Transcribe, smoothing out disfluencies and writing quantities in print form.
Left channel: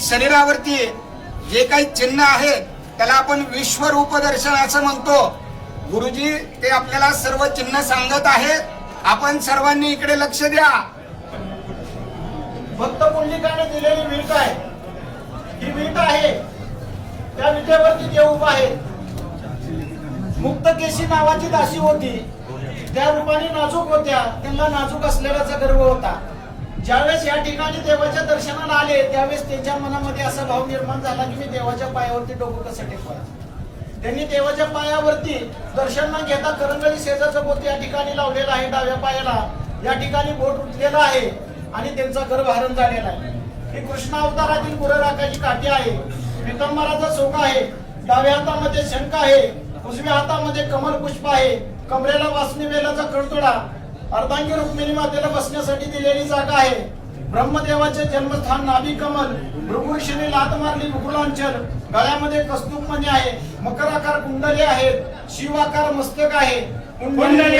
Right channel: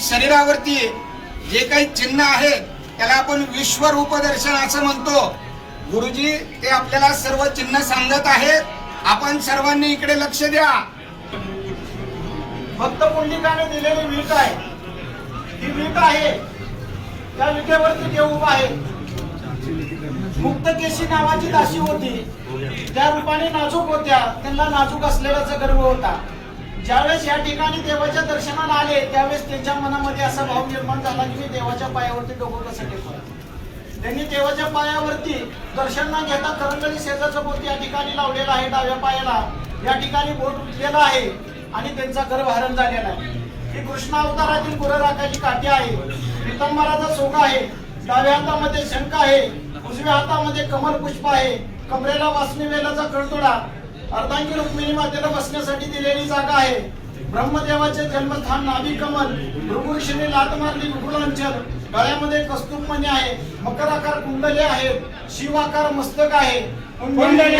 शरीरावरती जे काही चिन्ह आहे त्याला आपण विश्वरूप दर्शन असं म्हणतो। गुरुजी ते आपल्याला सर्व चिन्ह सांगत आहेत, आपण सर्वांनी इकडे लक्ष द्या। भक्त पुंडलिकाने दिलेली वीट आहे, ही वीट आहे, त्या विटेवरती देव उभा आहे। मुक्तकेशी नावाची दासी होती, त्या रूपाने नाजूक होत्या, त्यांना नाजूक असलेल्याचा गर्व होता। ज्यावेळेस या ठिकाणी देवाच्या दर्शनाला आले त्यावेळेस त्यांच्या मनामध्ये असा भाव निर्माण झाला की मी देवाच्या पायावरती डोकं कसं टेकवावं। त्यांनी देवाच्या पायावरती दर्शन न घेता करंगळी शेजारचं बोट या ठिकाणी लावलेलं आहे, डाव्या पायाला या ठिकाणी बोट उठलेला आहे आणि त्यांचा गर्भहरण झालेला आहे। ही कृष्ण अवतारातील गुरराखाची काठी आहे, पितांबराचा सोगा आहे, डाव्या हातामध्ये शंख आहे, उजव्या हातामध्ये कमल पुष्प आहे, कमरेला वासनी वेलाचा कळतोडा, अर्धांगी रुक्मिणी मातेला बसण्यासाठी दिलेली जागा आहे। ब्रह्मदेवाचे जन्मस्थान नाभी कमल, भृगुऋषीने लात मारली मुकुलांचल, गळ्यामध्ये कस्तूरमणी आहे, मकराकार कुंडले आहेत, शिवाकार मस्तक आहे, कुंडली